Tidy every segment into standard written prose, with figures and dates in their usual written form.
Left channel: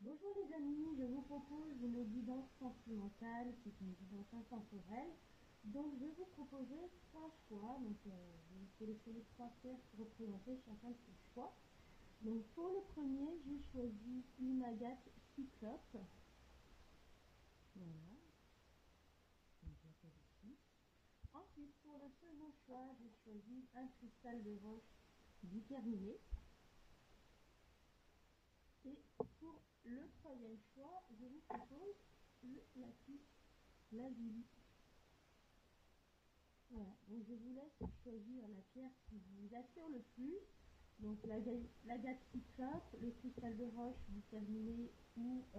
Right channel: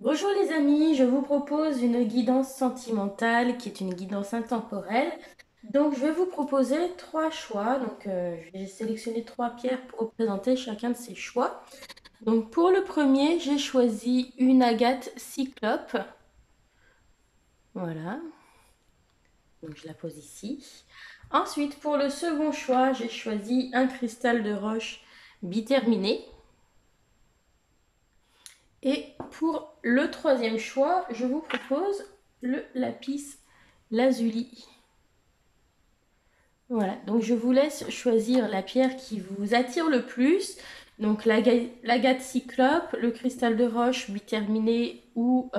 Bonjour les amis, je vous propose une guidance sentimentale qui est une guidance intemporelle. Donc je vais vous proposer trois choix. J'ai sélectionné trois pierres pour représenter chacun de ces choix. Donc pour le premier, j'ai choisi une agate cyclope. Voilà, donc je la pose ici. Ensuite, pour le second choix, j'ai choisi un cristal de roche biterminé. Et pour le troisième choix, je vous propose le lapis lazuli. Voilà, donc je vous laisse choisir la pierre qui vous attire le plus. Donc l'agate cyclope, le cristal de roche biterminé ou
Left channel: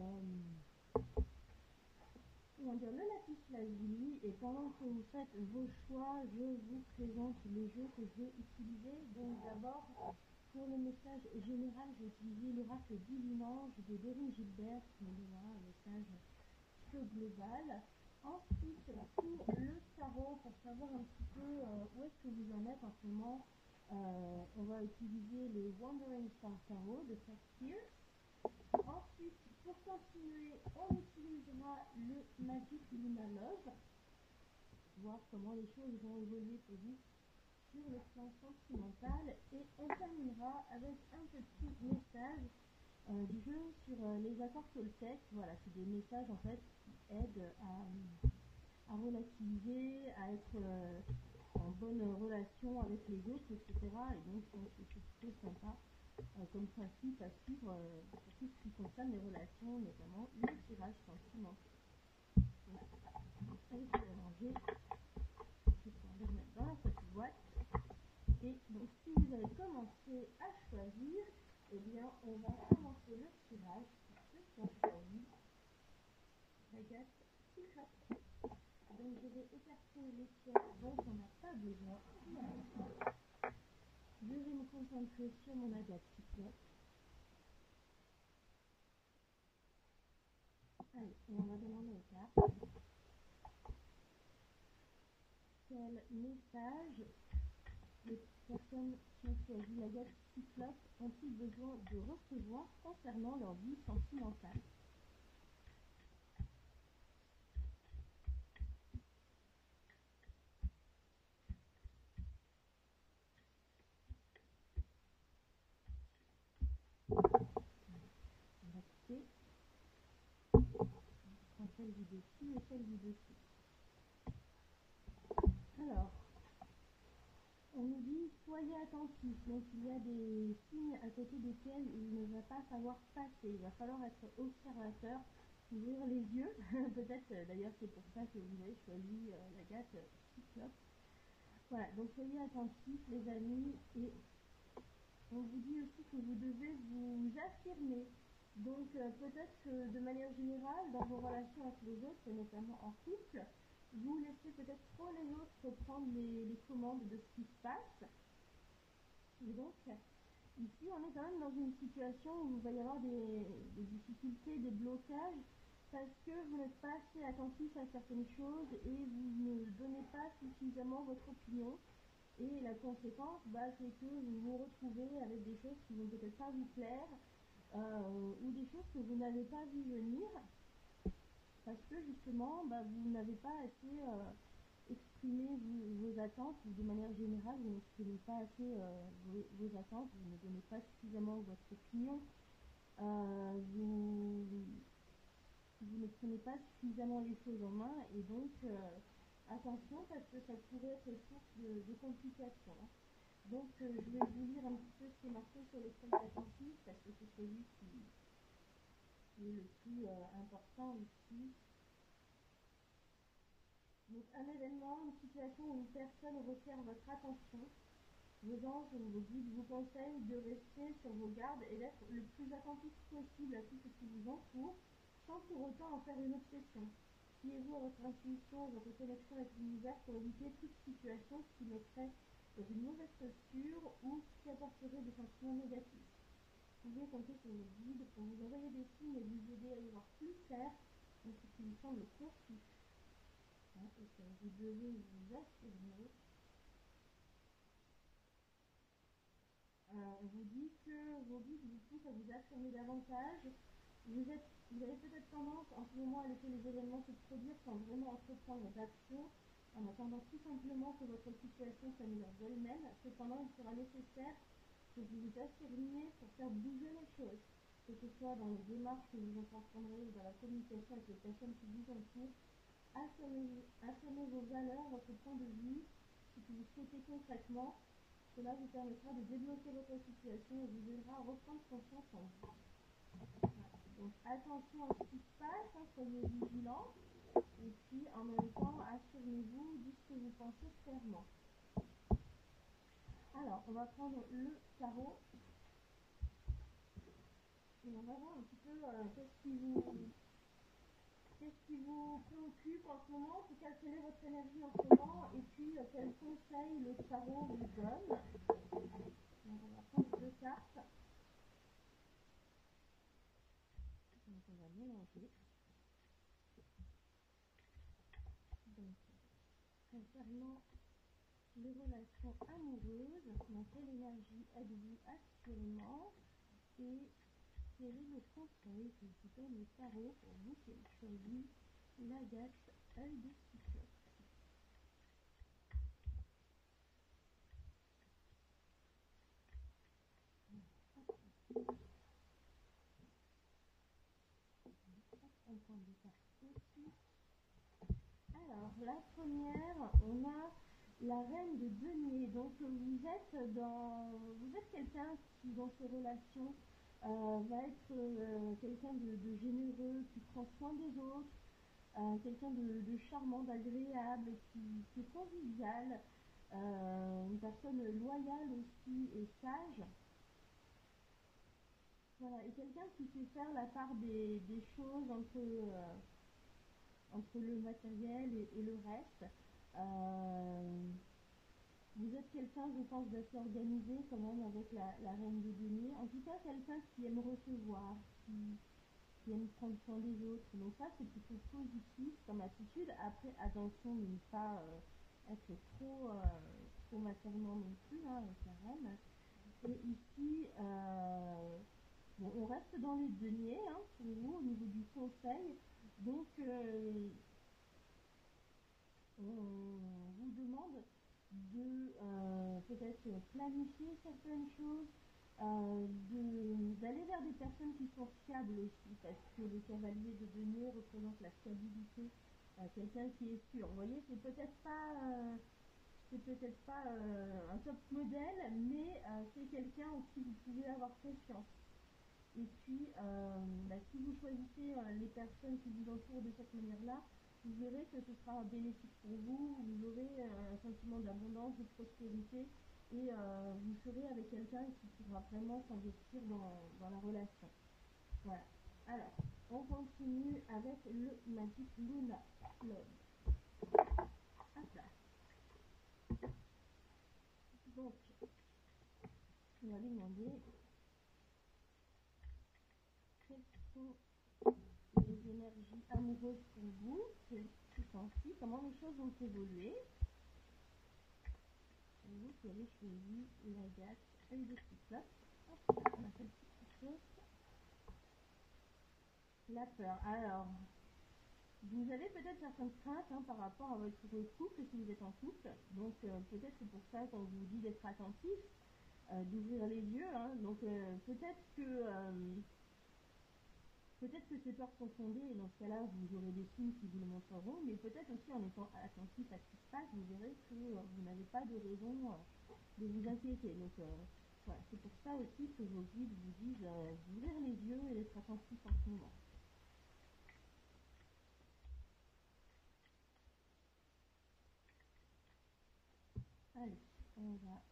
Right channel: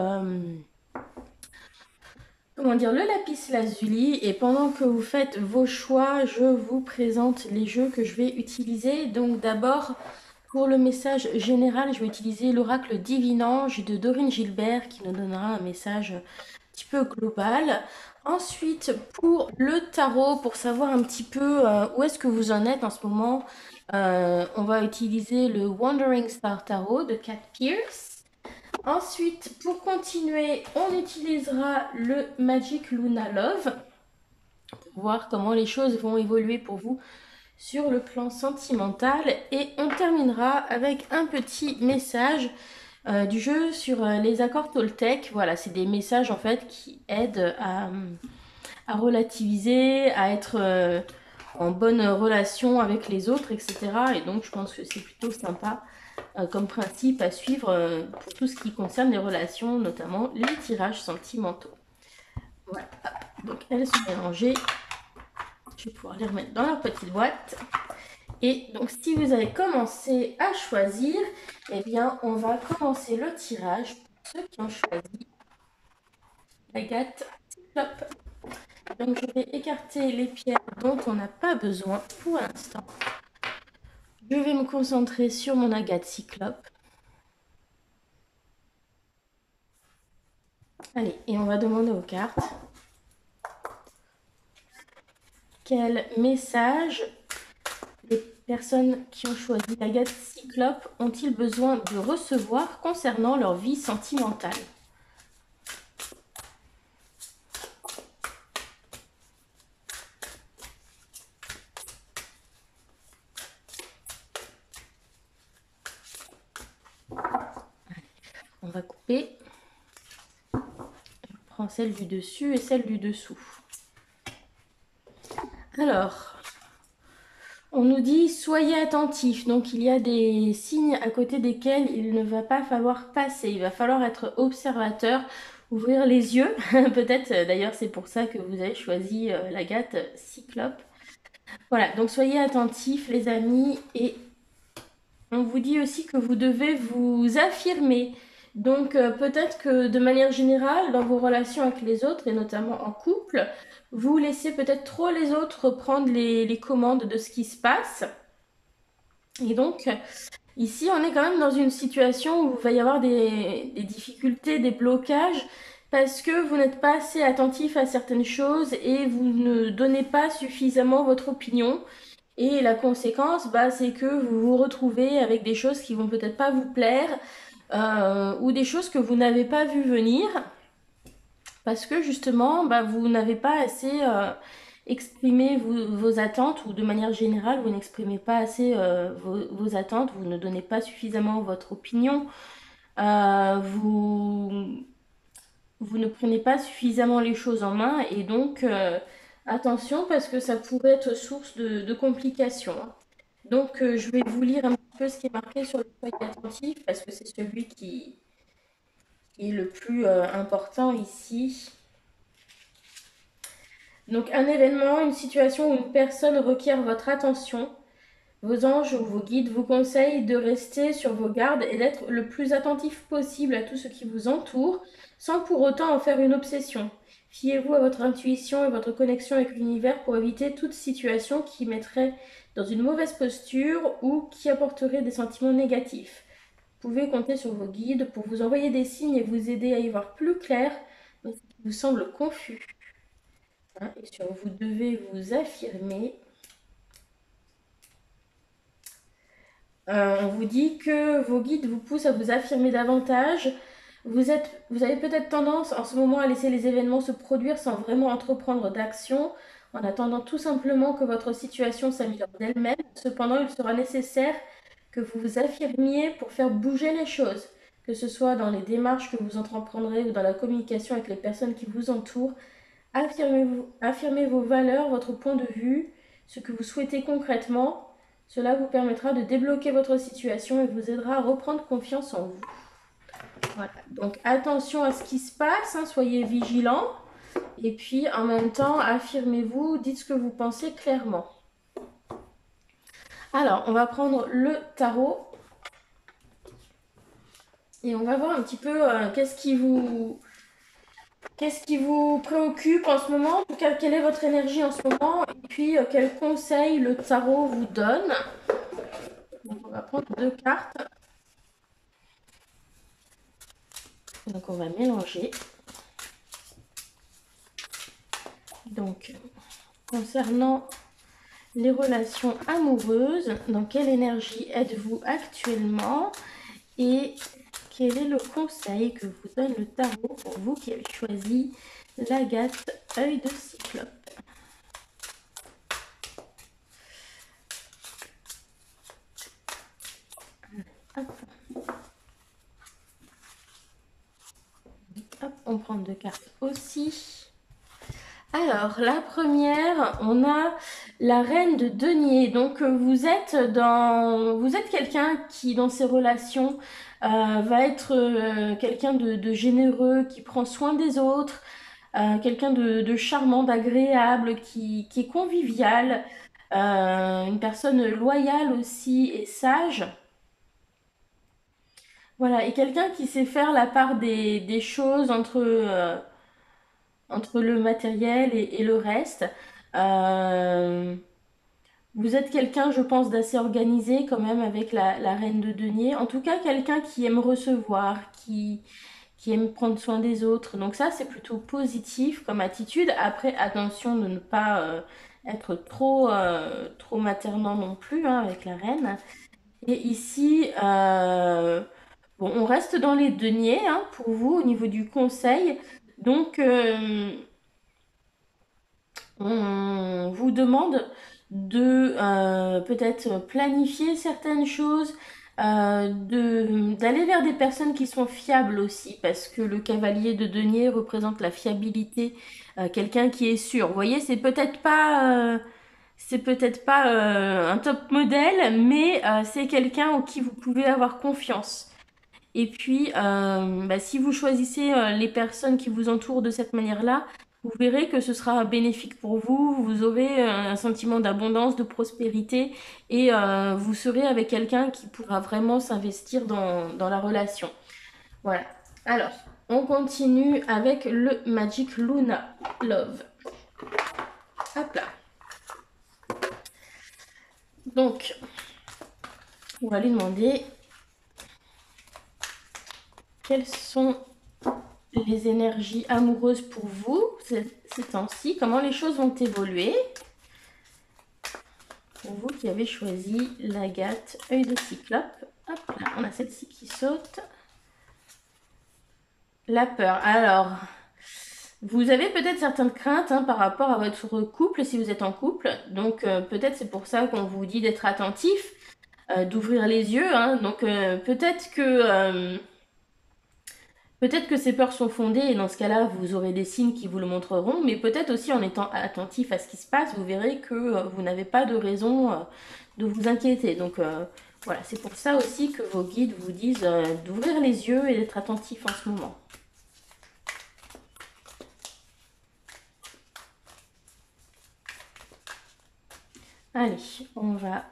comment dire, le lapis lazuli. Et pendant que vous faites vos choix, je vous présente les jeux que je vais utiliser. Donc d'abord, pour le message général, je vais utiliser l'oracle divinange de Dorine Gilbert qui nous donnera un message un petit peu global. Ensuite, pour le tarot, pour savoir un petit peu où est-ce que vous en êtes en ce moment, on va utiliser le Wandering Star Tarot de Cat Pierce. Ensuite, pour continuer, on utilisera le Magic Luna Love pour voir comment les choses vont évoluer pour vous sur le plan sentimental. Et on terminera avec un petit message du jeu sur les accords Toltec. Voilà, c'est des messages en fait qui aident à relativiser, à être en bonne relation avec les autres, etc. Et donc je pense que c'est plutôt sympa comme principe à suivre pour tout ce qui concerne les relations, notamment les tirages sentimentaux. Voilà, donc elles sont mélangées. Je vais pouvoir les remettre dans leur petite boîte. Et donc si vous avez commencé à choisir, eh bien on va commencer le tirage pour ceux qui ont choisi l'agate cyclope. Donc je vais écarter les pierres dont on n'a pas besoin pour l'instant. Je vais me concentrer sur mon agate cyclope. Allez, et on va demander aux cartes quel message les personnes qui ont choisi l'agate cyclope ont-ils besoin de recevoir concernant leur vie sentimentale. On va couper. Je prends celle du dessus et celle du dessous. Alors, on nous dit soyez attentifs. Donc il y a des signes à côté desquels il ne va pas falloir passer. Il va falloir être observateur, ouvrir les yeux. Peut-être d'ailleurs c'est pour ça que vous avez choisi l'agate cyclope. Voilà, donc soyez attentifs les amis, et on vous dit aussi que vous devez vous affirmer. Donc peut-être que de manière générale, dans vos relations avec les autres, et notamment en couple, vous laissez peut-être trop les autres prendre les commandes de ce qui se passe. Et donc ici, on est quand même dans une situation où il va y avoir des difficultés, des blocages, parce que vous n'êtes pas assez attentif à certaines choses et vous ne donnez pas suffisamment votre opinion. Et la conséquence, bah, c'est que vous vous retrouvez avec des choses qui vont peut-être pas vous plaire ou des choses que vous n'avez pas vu venir parce que justement, bah, vous n'avez pas assez exprimé vos attentes, ou de manière générale, vous n'exprimez pas assez vos attentes, vous ne donnez pas suffisamment votre opinion, vous, vous ne prenez pas suffisamment les choses en main, et donc attention parce que ça pourrait être source de complications. Donc, je vais vous lire un petit peu ce qui est marqué sur le feuille attentif parce que c'est celui qui est le plus important ici. Donc, un événement, une situation ou une personne requiert votre attention. Vos anges ou vos guides vous conseillent de rester sur vos gardes et d'être le plus attentif possible à tout ce qui vous entoure, sans pour autant en faire une obsession. Fiez-vous à votre intuition et votre connexion avec l'univers pour éviter toute situation qui mettrait dans une mauvaise posture ou qui apporterait des sentiments négatifs. Vous pouvez compter sur vos guides pour vous envoyer des signes et vous aider à y voir plus clair dans ce qui vous semble confus. Et sur vous devez vous affirmer. On vous dit que vos guides vous poussent à vous affirmer davantage. Vous avez peut-être tendance en ce moment à laisser les événements se produire sans vraiment entreprendre d'action, en attendant tout simplement que votre situation s'améliore d'elle-même. Cependant, il sera nécessaire que vous vous affirmiez pour faire bouger les choses, que ce soit dans les démarches que vous entreprendrez ou dans la communication avec les personnes qui vous entourent. Affirmez vos valeurs, votre point de vue, ce que vous souhaitez concrètement. Cela vous permettra de débloquer votre situation et vous aidera à reprendre confiance en vous. Voilà. Donc attention à ce qui se passe, hein, soyez vigilants. Et puis en même temps, affirmez-vous, dites ce que vous pensez clairement. Alors, on va prendre le tarot. Et on va voir un petit peu qu'est-ce qui vous préoccupe en ce moment. En tout cas, quelle est votre énergie en ce moment. Et puis, quels conseils le tarot vous donne. Donc, on va prendre 2 cartes. Donc, on va mélanger. Donc, concernant les relations amoureuses, dans quelle énergie êtes-vous actuellement et quel est le conseil que vous donne le tarot pour vous qui avez choisi l'agate œil de cyclope? Hop, on prend 2 cartes aussi. Alors, la première, on a la reine de denier. Donc, vous êtes quelqu'un qui, dans ses relations, va être quelqu'un de généreux, qui prend soin des autres, quelqu'un de charmant, d'agréable, qui est convivial, une personne loyale aussi et sage. Voilà, et quelqu'un qui sait faire la part des choses entre le matériel et le reste. Euh, Vous êtes quelqu'un, je pense, d'assez organisé quand même avec la reine de denier. En tout cas, quelqu'un qui aime recevoir, qui aime prendre soin des autres. Donc ça, c'est plutôt positif comme attitude. Après, attention de ne pas être trop maternant non plus, hein, avec la reine. Et ici, bon, on reste dans les deniers, hein, pour vous au niveau du conseil. Donc, on vous demande de peut-être planifier certaines choses, d'aller vers des personnes qui sont fiables aussi, parce que le cavalier de denier représente la fiabilité, quelqu'un qui est sûr. Vous voyez, c'est peut-être pas un top modèle, mais c'est quelqu'un en qui vous pouvez avoir confiance. Et puis, bah, si vous choisissez les personnes qui vous entourent de cette manière-là, vous verrez que ce sera bénéfique pour vous. Vous aurez un sentiment d'abondance, de prospérité, et vous serez avec quelqu'un qui pourra vraiment s'investir dans la relation. Voilà. Alors, on continue avec le Magic Luna Love. Hop là. Donc, on va lui demander quelles sont les énergies amoureuses pour vous ces temps-ci, comment les choses vont évoluer pour vous qui avez choisi l'agate œil de cyclope. Hop là, on a celle-ci qui saute. La peur. Alors, vous avez peut-être certaines craintes, hein, par rapport à votre couple si vous êtes en couple. Donc, peut-être c'est pour ça qu'on vous dit d'être attentif, d'ouvrir les yeux, hein. Donc, peut-être que ces peurs sont fondées et dans ce cas-là, vous aurez des signes qui vous le montreront, mais peut-être aussi en étant attentif à ce qui se passe, vous verrez que vous n'avez pas de raison de vous inquiéter. Donc voilà, c'est pour ça aussi que vos guides vous disent d'ouvrir les yeux et d'être attentif en ce moment. Allez, on va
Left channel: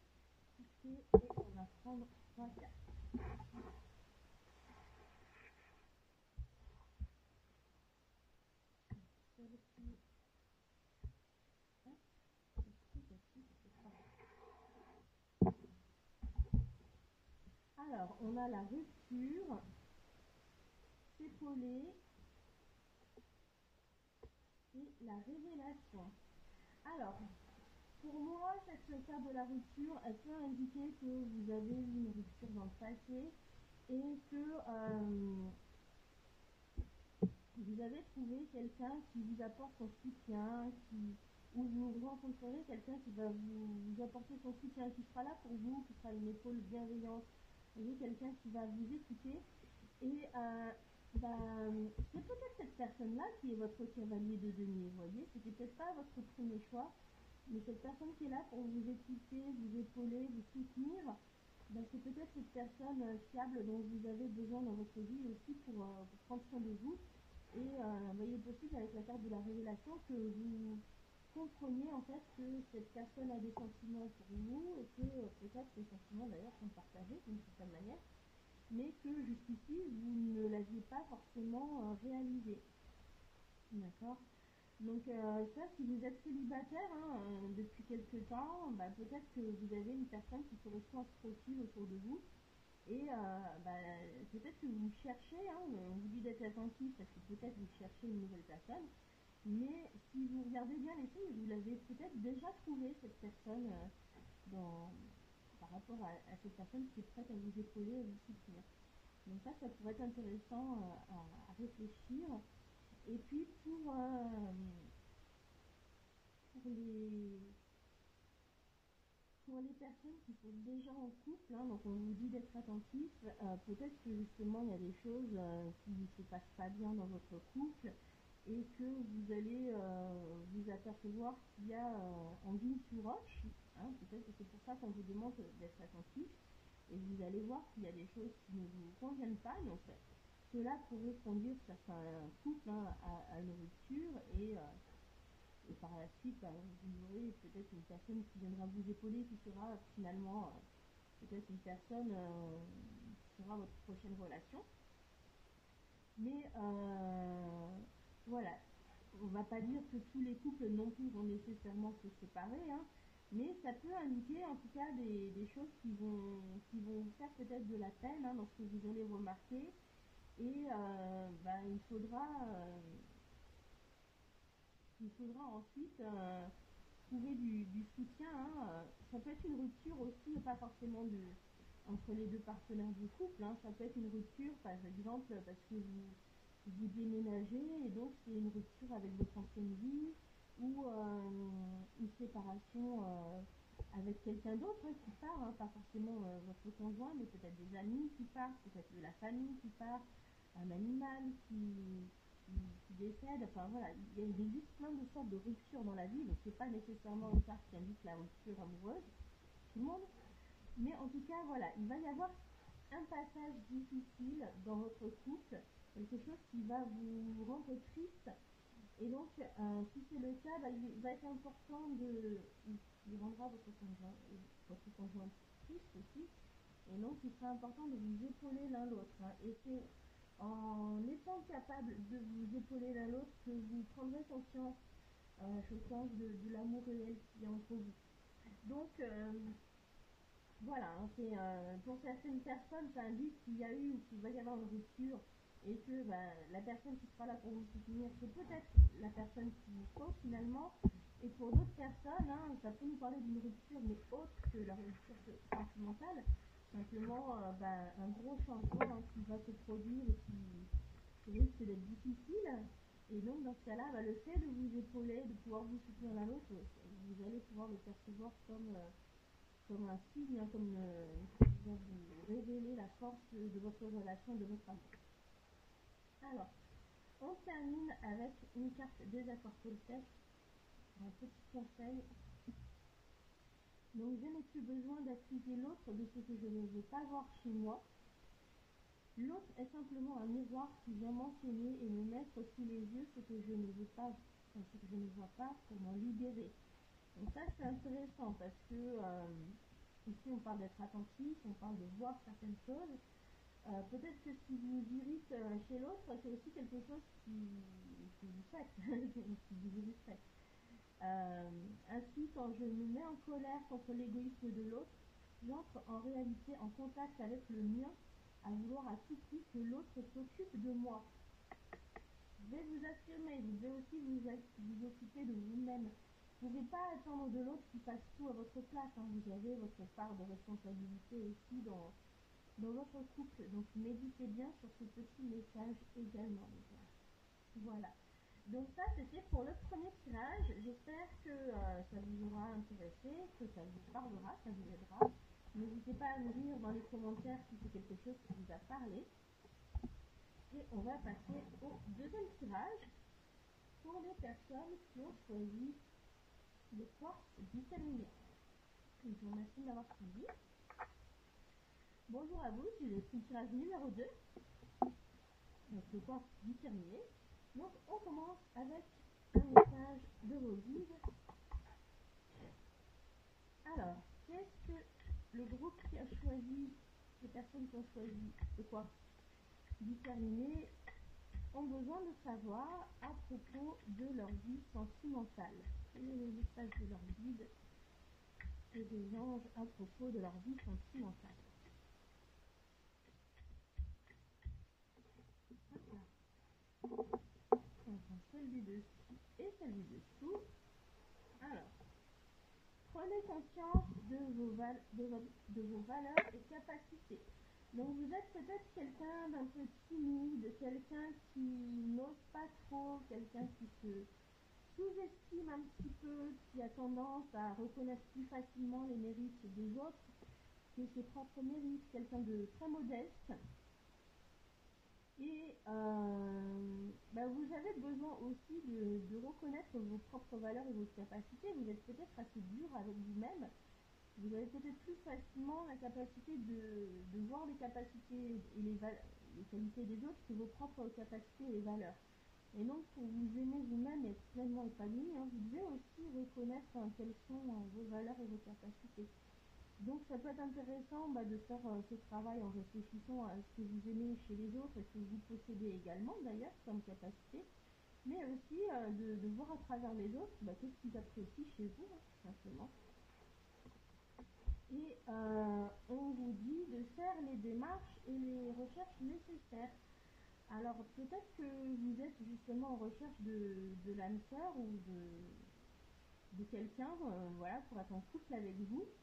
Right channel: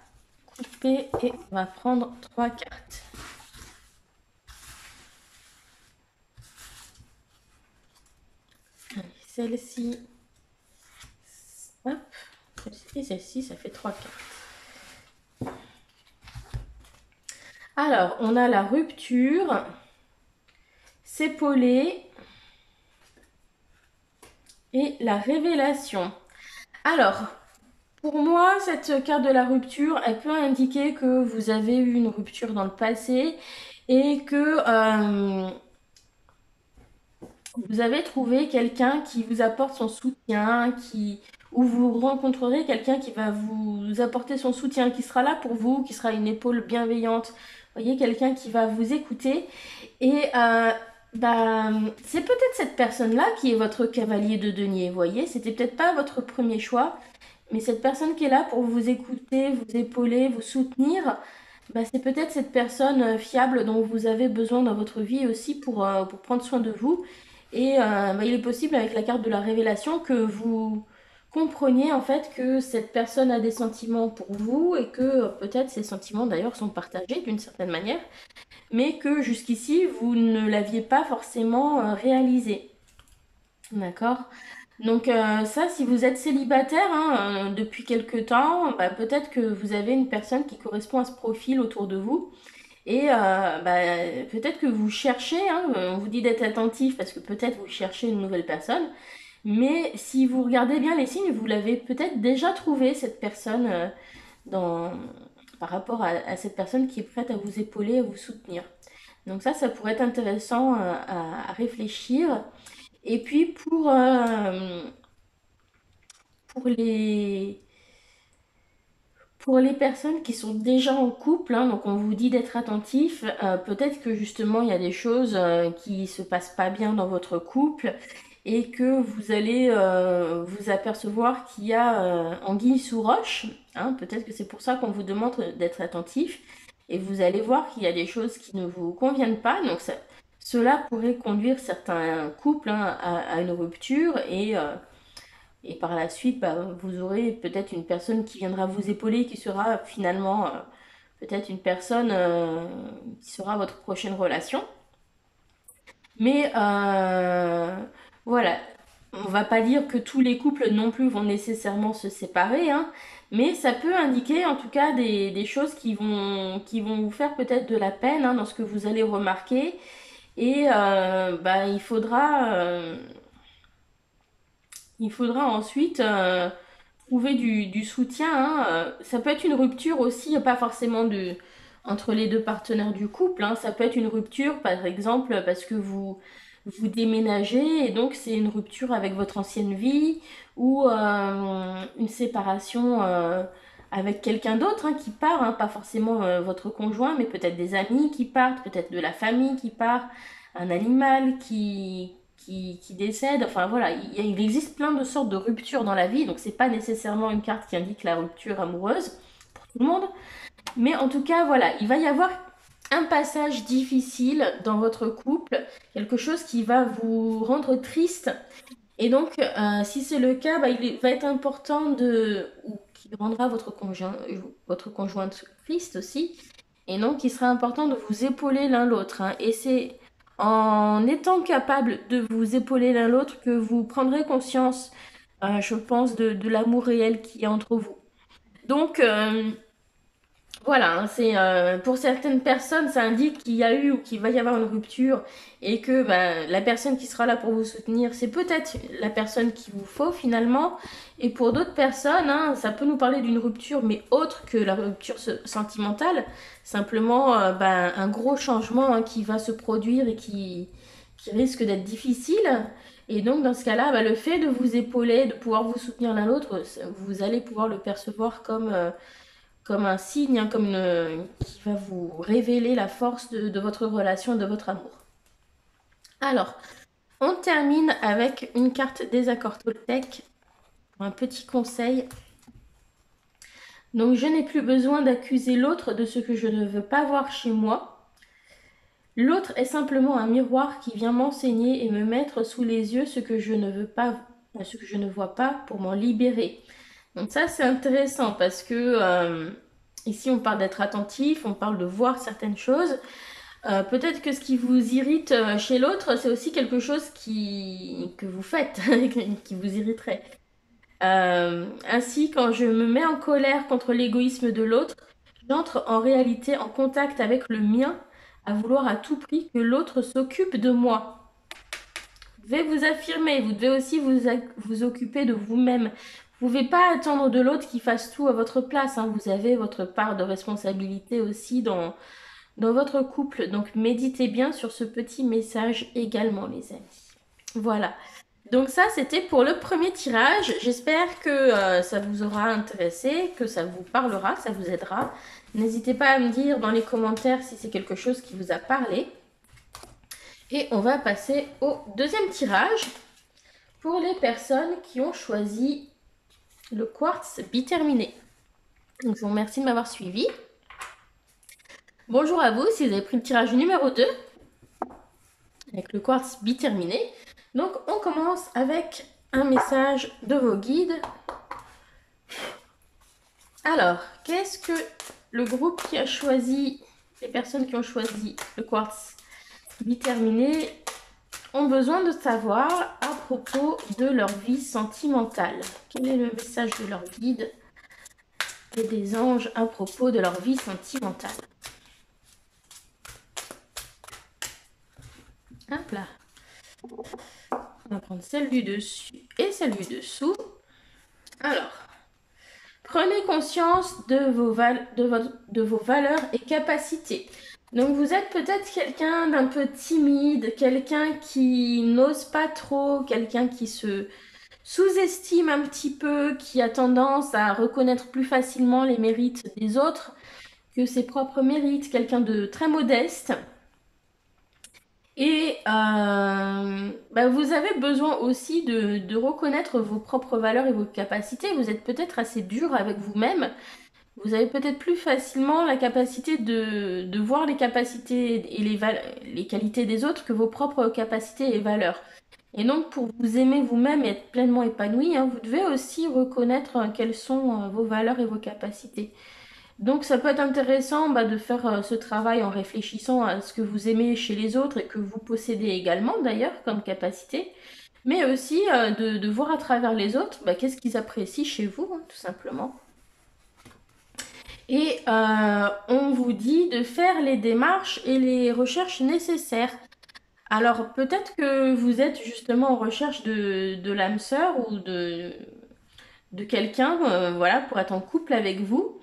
couper et on va prendre 3 cartes. Celle-ci, hop, et celle-ci, ça fait 3 cartes. Alors, on a la rupture, s'épauler et la révélation. Alors, pour moi, cette carte de la rupture, elle peut indiquer que vous avez eu une rupture dans le passé et que vous avez trouvé quelqu'un qui vous apporte son soutien, ou vous rencontrerez quelqu'un qui va vous apporter son soutien, qui sera là pour vous, qui sera une épaule bienveillante. Vous voyez, quelqu'un qui va vous écouter. Et bah, c'est peut-être cette personne-là qui est votre cavalier de denier. Vous voyez, c'était peut-être pas votre premier choix, mais cette personne qui est là pour vous écouter, vous épauler, vous soutenir, bah, c'est peut-être cette personne fiable dont vous avez besoin dans votre vie aussi pour prendre soin de vous. Et bah, il est possible avec la carte de la révélation que vous compreniez en fait que cette personne a des sentiments pour vous et que peut-être ces sentiments d'ailleurs sont partagés d'une certaine manière, mais que jusqu'ici vous ne l'aviez pas forcément réalisé. D'accord? Donc ça, si vous êtes célibataire hein, depuis quelque temps, bah, peut-être que vous avez une personne qui correspond à ce profil autour de vous. Et bah, peut-être que vous cherchez, hein, on vous dit d'être attentif parce que peut-être vous cherchez une nouvelle personne. Mais si vous regardez bien les signes, vous l'avez peut-être déjà trouvé, cette personne, dans, par rapport à cette personne qui est prête à vous épauler, à vous soutenir. Donc ça pourrait être intéressant à réfléchir. Et puis pour pour les personnes qui sont déjà en couple, hein, donc on vous dit d'être attentif, peut-être que justement il y a des choses qui se passent pas bien dans votre couple et que vous allez vous apercevoir qu'il y a anguille sous roche, hein, peut-être que c'est pour ça qu'on vous demande d'être attentif et vous allez voir qu'il y a des choses qui ne vous conviennent pas, donc cela pourrait conduire certains couples hein, à une rupture et par la suite, bah, vous aurez peut-être une personne qui viendra vous épauler, qui sera finalement peut-être une personne qui sera votre prochaine relation. Mais voilà, on va pas dire que tous les couples non plus vont nécessairement se séparer, hein, mais ça peut indiquer en tout cas des choses qui vont vous faire peut-être de la peine hein, dans ce que vous allez remarquer. Et bah, il faudra ensuite trouver du soutien. Hein. Ça peut être une rupture aussi, pas forcément entre les deux partenaires du couple. Hein. Ça peut être une rupture, par exemple, parce que vous déménagez et donc c'est une rupture avec votre ancienne vie ou une séparation avec quelqu'un d'autre hein, qui part, hein. Pas forcément votre conjoint, mais peut-être des amis qui partent, peut-être de la famille qui part, un animal qui décède. Enfin voilà, il existe plein de sortes de ruptures dans la vie, donc c'est pas nécessairement une carte qui indique la rupture amoureuse pour tout le monde. Mais en tout cas, voilà, il va y avoir un passage difficile dans votre couple, quelque chose qui va vous rendre triste. Et donc, si c'est le cas, bah, il va être important ou qui rendra votre conjointe triste aussi. Et donc, il sera important de vous épauler l'un l'autre. Hein. Et c'est en étant capable de vous épauler l'un l'autre que vous prendrez conscience, je pense, de l'amour réel qu'il y a entre vous. Donc, voilà, hein, c'est pour certaines personnes, ça indique qu'il y a eu ou qu'il va y avoir une rupture et que bah, la personne qui sera là pour vous soutenir, c'est peut-être la personne qu'il vous faut finalement. Et pour d'autres personnes, hein, ça peut nous parler d'une rupture, mais autre que la rupture sentimentale, simplement bah, un gros changement hein, qui va se produire et qui risque d'être difficile. Et donc dans ce cas-là, bah, le fait de vous épauler, de pouvoir vous soutenir l'un l'autre, vous allez pouvoir le percevoir comme un signe, hein, qui va vous révéler la force de votre relation, de votre amour. Alors, on termine avec une carte des accords Toltec, un petit conseil. Donc, je n'ai plus besoin d'accuser l'autre de ce que je ne veux pas voir chez moi. L'autre est simplement un miroir qui vient m'enseigner et me mettre sous les yeux ce que je ne veux pas, ce que je ne vois pas pour m'en libérer. Donc ça, c'est intéressant parce que ici, on parle d'être attentif, on parle de voir certaines choses. Peut-être que ce qui vous irrite chez l'autre, c'est aussi quelque chose que vous faites, qui vous irriterait. Ainsi, quand je me mets en colère contre l'égoïsme de l'autre, j'entre en réalité en contact avec le mien, à vouloir à tout prix que l'autre s'occupe de moi. Vous devez vous affirmer, vous devez aussi vous occuper de vous-même. Vous ne pouvez pas attendre de l'autre qu'il fasse tout à votre place. Hein. Vous avez votre part de responsabilité aussi dans votre couple. Donc méditez bien sur ce petit message également, les amis. Voilà. Donc ça, c'était pour le premier tirage. J'espère que ça vous aura intéressé, que ça vous parlera, que ça vous aidera. N'hésitez pas à me dire dans les commentaires si c'est quelque chose qui vous a parlé. Et on va passer au deuxième tirage pour les personnes qui ont choisi le quartz biterminé. Donc je vous remercie de m'avoir suivi. Bonjour à vous si vous avez pris le tirage numéro 2 avec le quartz biterminé. Donc on commence avec un message de vos guides. Alors, qu'est-ce que le groupe qui a choisi, les personnes qui ont choisi le quartz biterminé ont besoin de savoir à propos de leur vie sentimentale? Quel est le message de leur guide et des anges à propos de leur vie sentimentale? Hop là. On va prendre celle du dessus et celle du dessous. Alors, prenez conscience de vos valeurs et capacités. Donc vous êtes peut-être quelqu'un d'un peu timide, quelqu'un qui n'ose pas trop, quelqu'un qui se sous-estime un petit peu, qui a tendance à reconnaître plus facilement les mérites des autres que ses propres mérites, quelqu'un de très modeste. Et vous avez besoin aussi de reconnaître vos propres valeurs et vos capacités. Vous êtes peut-être assez dur avec vous-même. Vous avez peut-être plus facilement la capacité de voir les capacités et les qualités des autres que vos propres capacités et valeurs. Et donc, pour vous aimer vous-même et être pleinement épanoui, vous devez aussi reconnaître quelles sont vos valeurs et vos capacités. Donc, ça peut être intéressant de faire ce travail en réfléchissant à ce que vous aimez chez les autres et que vous possédez également d'ailleurs comme capacité, mais aussi de voir à travers les autres qu'est-ce qu'ils apprécient chez vous, tout simplement. Et on vous dit de faire les démarches et les recherches nécessaires. Alors peut-être que vous êtes justement en recherche de l'âme sœur ou de quelqu'un voilà, pour être en couple avec vous.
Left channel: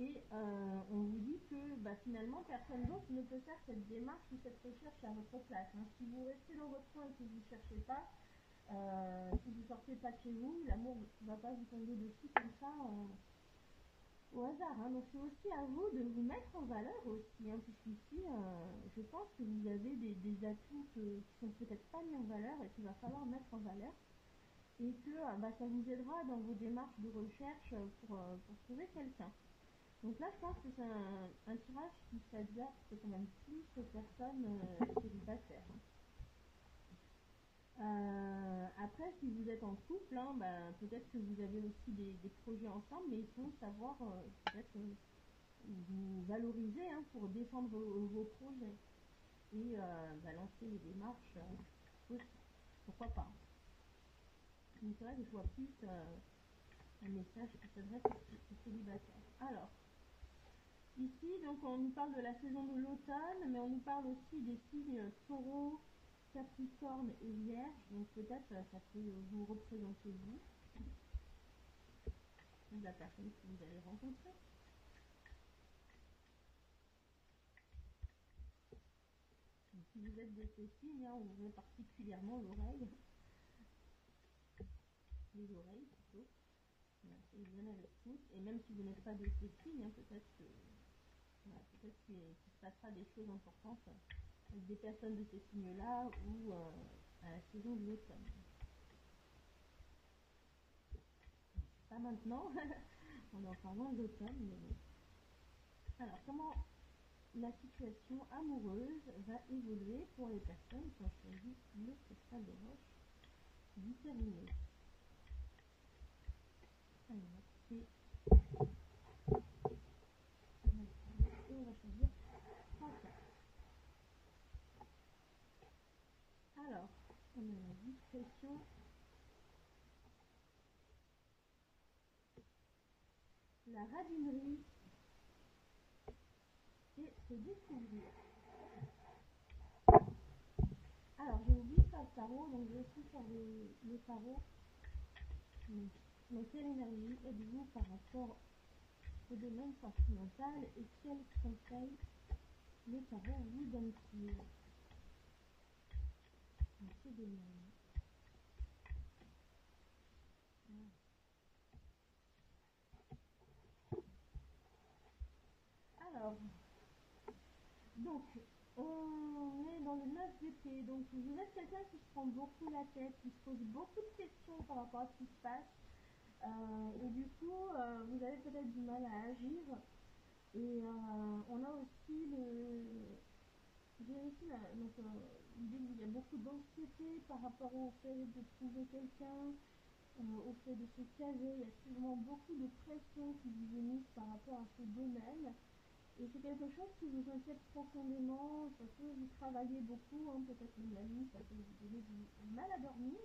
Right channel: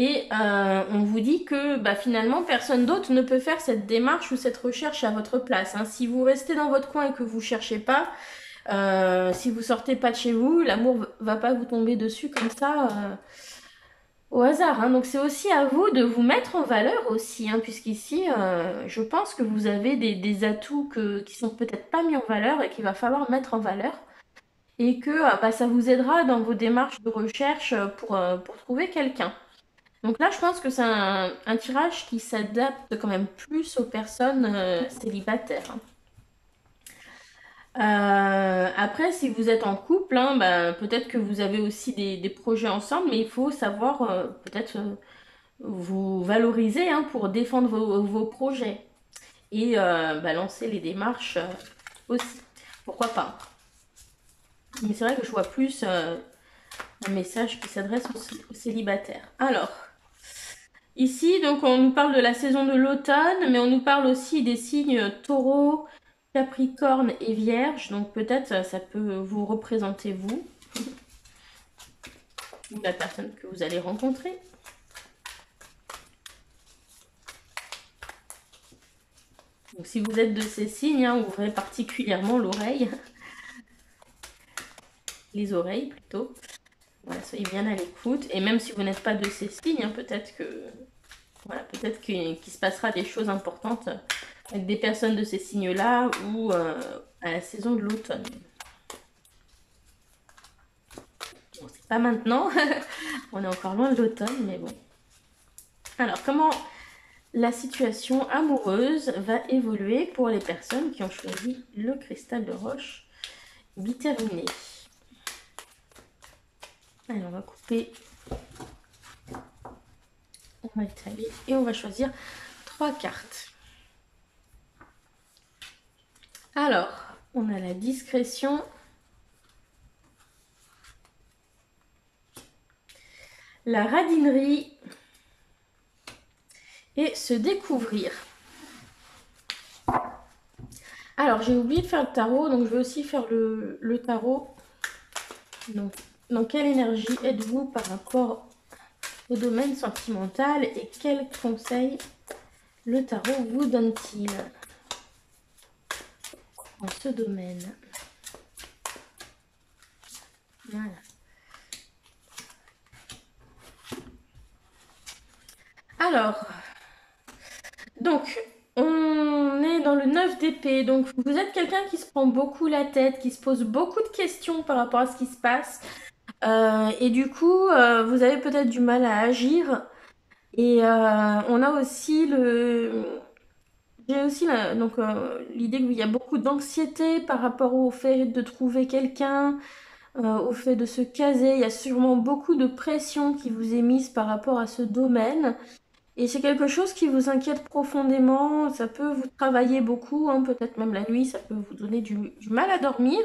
Et on vous dit que finalement personne d'autre ne peut faire cette démarche ou cette recherche à votre place. Si vous restez dans votre coin et que vous ne cherchez pas, si vous sortez pas de chez vous, l'amour va pas vous tomber dessus comme ça au hasard. Donc c'est aussi à vous de vous mettre en valeur aussi, puisqu'ici je pense que vous avez des atouts qui sont peut-être pas mis en valeur et qu'il va falloir mettre en valeur. Et que ça vous aidera dans vos démarches de recherche pour trouver quelqu'un. Donc là, je pense que c'est un tirage qui s'adapte quand même plus aux personnes célibataires. Après, si vous êtes en couple, peut-être que vous avez aussi des projets ensemble, mais il faut savoir peut-être vous valoriser pour défendre vos projets et lancer les démarches aussi. Pourquoi pas? Mais c'est vrai que je vois plus un message qui s'adresse aux célibataires. Alors, ici, donc, on nous parle de la saison de l'automne, mais on nous parle aussi des signes taureau, capricorne et vierge. Donc, peut-être ça peut vous représenter vous, ou la personne que vous allez rencontrer. Donc, si vous êtes de ces signes, ouvrez particulièrement l'oreille. Les oreilles plutôt. Voilà, soyez bien à l'écoute. Et même si vous n'êtes pas de ces signes, peut-être qu'il se passera des choses importantes avec des personnes de ces signes-là ou à la saison de l'automne. Bon, c'est pas maintenant. On est encore loin de l'automne, mais bon. Alors, comment la situation amoureuse va évoluer pour les personnes qui ont choisi le cristal de roche biterminé? Allez, on va couper, on va étaler et on va choisir 3 cartes. Alors, on a la discrétion, la radinerie et se découvrir. Alors, j'ai oublié de faire le tarot, donc je vais aussi faire le tarot. Donc, dans quelle énergie êtes-vous par rapport au domaine sentimental et quels conseils le tarot vous donne-t-il en ce domaine? Voilà. Alors, donc, on est dans le 9 d'épée. Donc, vous êtes quelqu'un qui se prend beaucoup la tête, qui se pose beaucoup de questions par rapport à ce qui se passe. Et du coup, vous avez peut-être du mal à agir. Et on a aussi le... J'ai aussi donc l'idée qu'il y a beaucoup d'anxiété par rapport au fait de trouver quelqu'un, au fait de se caser. Il y a sûrement beaucoup de pression qui vous est mise par rapport à ce domaine. Et c'est quelque chose qui vous inquiète profondément. Ça peut vous travailler beaucoup, hein, peut-être même la nuit, ça peut vous donner du mal à dormir.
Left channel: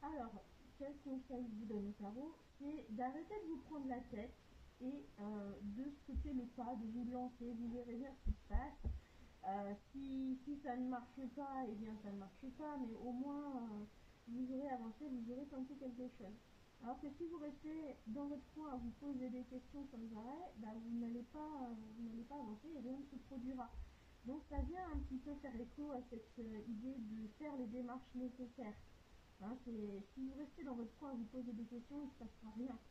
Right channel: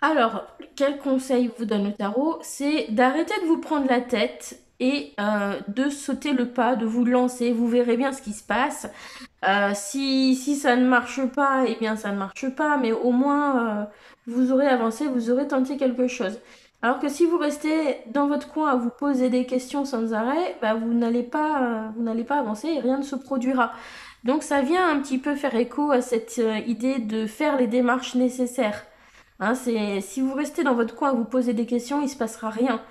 Alors, quel conseil vous donne le tarot? C'est d'arrêter de vous prendre la tête et de sauter le pas, de vous lancer. Vous verrez bien ce qui se passe. Si ça ne marche pas, eh bien ça ne marche pas, mais au moins vous aurez avancé, vous aurez tenté quelque chose. Alors que si vous restez dans votre coin à vous poser des questions sans arrêt, bah, vous n'allez pas avancer et rien ne se produira. Donc ça vient un petit peu faire écho à cette idée de faire les démarches nécessaires. Hein, si vous restez dans votre coin à vous poser des questions, il ne se passera rien.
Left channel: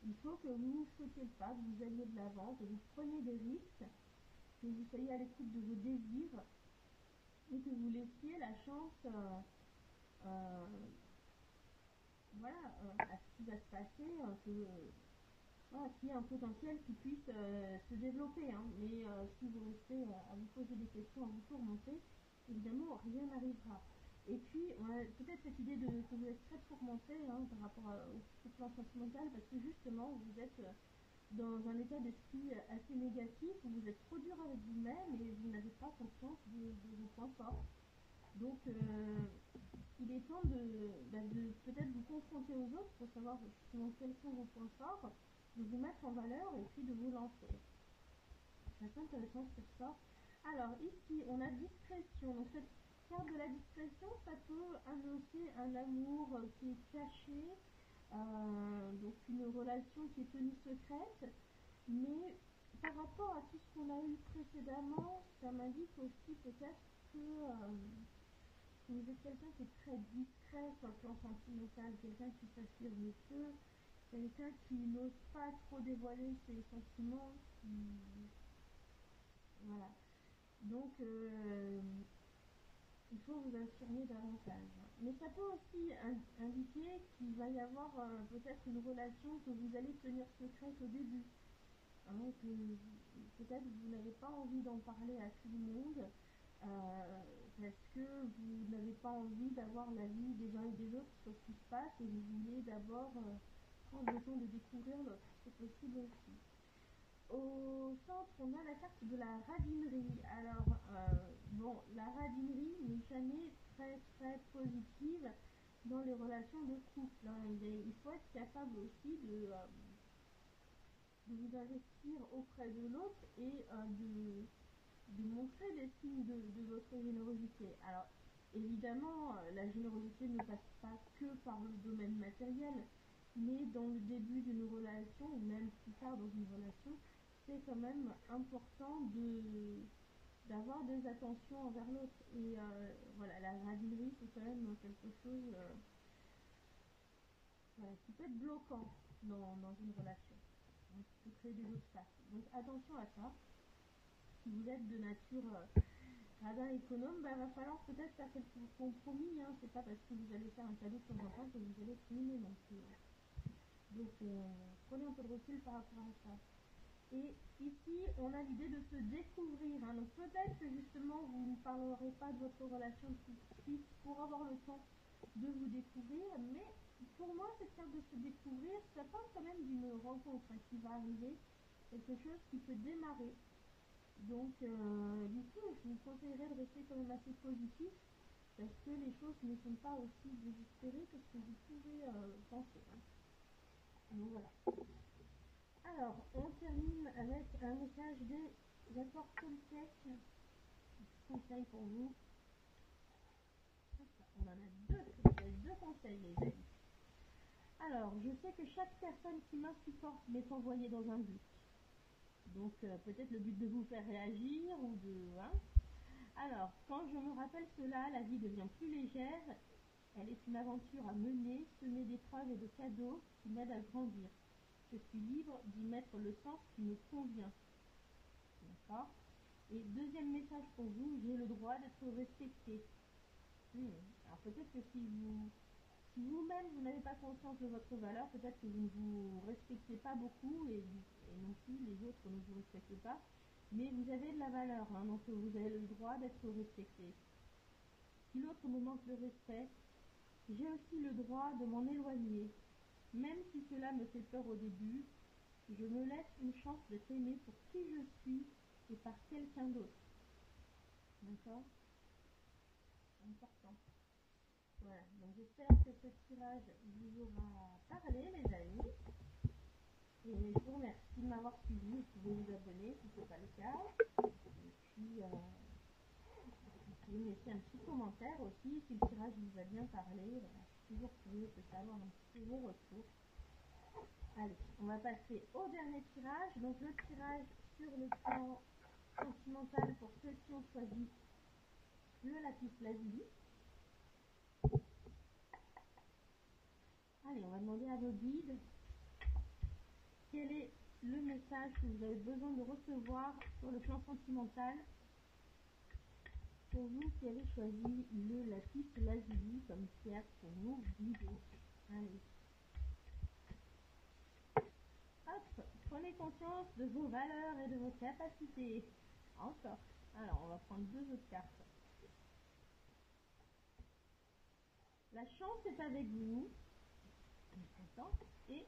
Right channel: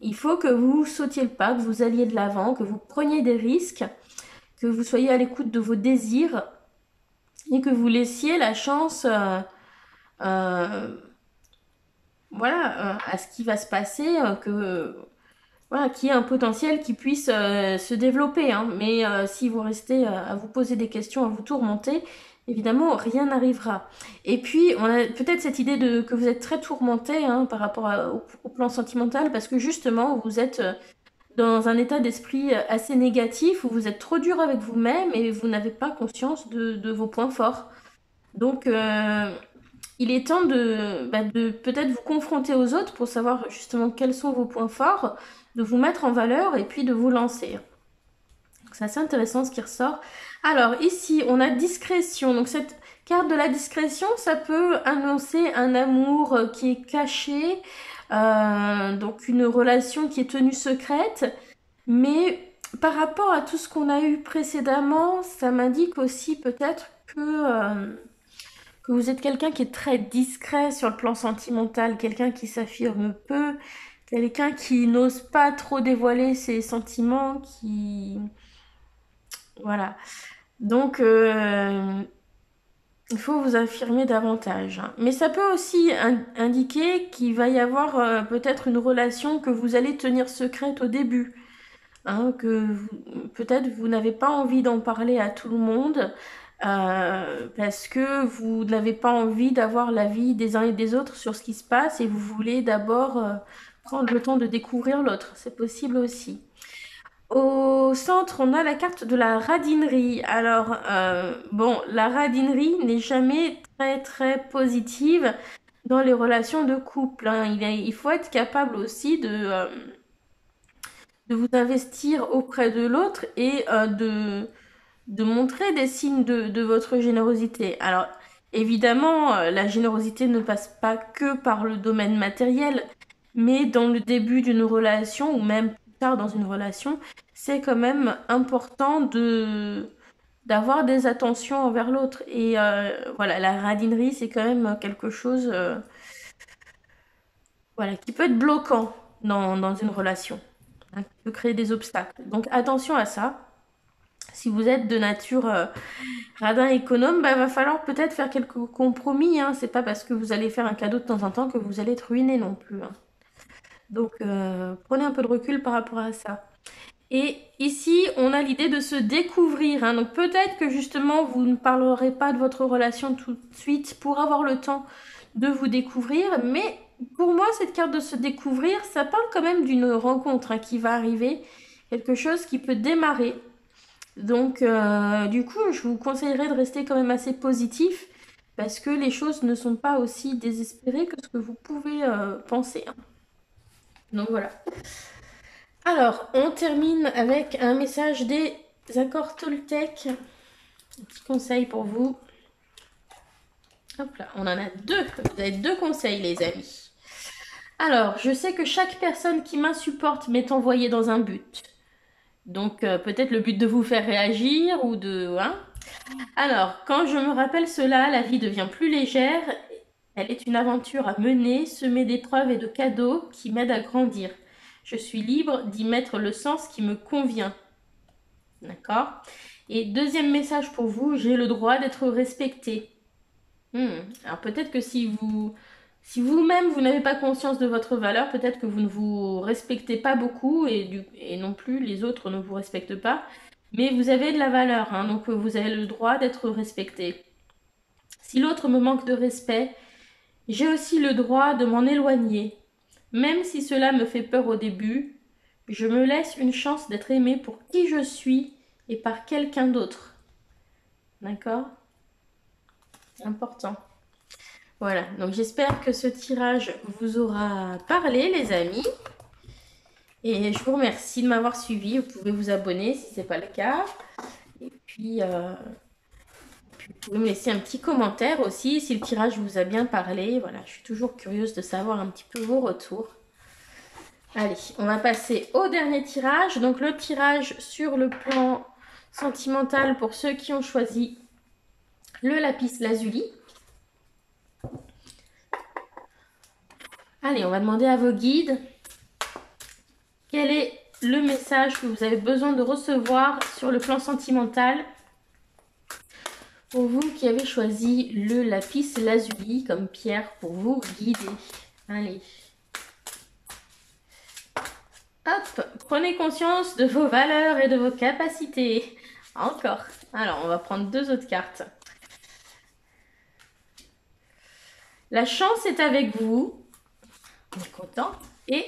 Il faut que vous sautiez le pas, que vous alliez de l'avant, que vous preniez des risques, que vous soyez à l'écoute de vos désirs et que vous laissiez la chance euh, voilà, à ce qui va se passer, voilà, qu'il y ait un potentiel qui puisse se développer. Hein. Mais si vous restez à vous poser des questions, à vous tourmenter, évidemment, rien n'arrivera. Et puis, on a peut-être cette idée que vous êtes très tourmenté, hein, par rapport au plan sentimental, parce que justement, vous êtes dans un état d'esprit assez négatif, où vous êtes trop dur avec vous-même et vous n'avez pas conscience de vos points forts. Donc, il est temps de peut-être vous confronter aux autres pour savoir justement quels sont vos points forts, de vous mettre en valeur et puis de vous lancer. Donc, c'est assez intéressant ce qui ressort. Alors, ici, on a discrétion. Donc, cette carte de la discrétion, ça peut annoncer un amour qui est caché, donc une relation qui est tenue secrète. Mais par rapport à tout ce qu'on a eu précédemment, ça m'indique aussi peut-être que vous êtes quelqu'un qui est très discret sur le plan sentimental, quelqu'un qui s'affirme peu, quelqu'un qui n'ose pas trop dévoiler ses sentiments, qui... Voilà. Donc, il faut vous affirmer davantage. Hein. Mais ça peut aussi indiquer qu'il va y avoir peut-être une relation que vous allez tenir secrète au début. Hein, peut-être vous n'avez pas envie d'en parler à tout le monde parce que vous n'avez pas envie d'avoir l'avis des uns et des autres sur ce qui se passe et vous voulez d'abord prendre le temps de découvrir l'autre. C'est possible aussi. Au centre, on a la carte de la radinerie. Alors, bon, la radinerie n'est jamais très très positive dans les relations de couple. Hein. Il faut être capable aussi de vous investir auprès de l'autre et de montrer des signes de votre générosité. Alors, évidemment, la générosité ne passe pas que par le domaine matériel, mais dans le début d'une relation ou même plus tard dans une relation, c'est quand même important d'avoir des attentions envers l'autre. Et voilà, la radinerie, c'est quand même quelque chose voilà, qui peut être bloquant dans une relation, hein, qui peut créer des obstacles. Donc attention à ça. Si vous êtes de nature radin économe, bah, va falloir peut-être faire quelques compromis. Hein. C'est pas parce que vous allez faire un cadeau de temps en temps que vous allez être ruiné non plus. Hein. Donc prenez un peu de recul par rapport à ça. Et ici, on a l'idée de se découvrir. Hein. Donc peut-être que justement, vous ne parlerez pas de votre relation tout de suite pour avoir le temps de vous découvrir. Mais pour moi, cette carte de se découvrir, ça parle quand même d'une rencontre hein, qui va arriver. Quelque chose qui peut démarrer. Donc, du coup, je vous conseillerais de rester quand même assez positif parce que les choses ne sont pas aussi désespérées que ce que vous pouvez penser. Hein. Donc voilà. Alors, on termine avec un message des accords Toltec. Un petit conseil pour vous. Hop là, on en a deux. Vous avez deux conseils, les amis. Alors, je sais que chaque personne qui m'insupporte m'est envoyée dans un but. Donc, peut-être le but de vous faire réagir ou de... Hein. Alors, quand je me rappelle cela, la vie devient plus légère. Elle est une aventure à mener, semée d'épreuves et de cadeaux qui m'aident à grandir. Je suis libre d'y mettre le sens qui me convient. D'accord? Et deuxième message pour vous, j'ai le droit d'être respecté. Alors peut-être que si vous-même vous n'avez pas conscience de votre valeur, peut-être que vous ne vous respectez pas beaucoup et non plus les autres ne vous respectent pas. Mais vous avez de la valeur, hein, donc vous avez le droit d'être respecté. Si l'autre me manque de respect, j'ai aussi le droit de m'en éloigner. Même si cela me fait peur au début, je me laisse une chance d'être aimé pour qui je suis et par quelqu'un d'autre. D'accord? Important. Voilà, donc j'espère que ce tirage vous aura parlé, les amis. Et je vous remercie de m'avoir suivi. Vous pouvez vous abonner si ce n'est pas le cas. Et puis, vous pouvez me laisser un petit commentaire aussi si le tirage vous a bien parlé. Voilà, je suis toujours curieuse de savoir un petit peu vos retours. Allez, on va passer au dernier tirage. Donc le tirage sur le plan sentimental pour ceux qui ont choisi le lapis lazuli. Allez, on va demander à vos guides quel est le message que vous avez besoin de recevoir sur le plan sentimental pour vous qui avez choisi le lapis lazuli comme pierre pour vous guider. Allez. Hop, prenez conscience de vos valeurs et de vos capacités. Encore. Alors, on va prendre deux autres cartes. La chance est avec vous. On est content. Et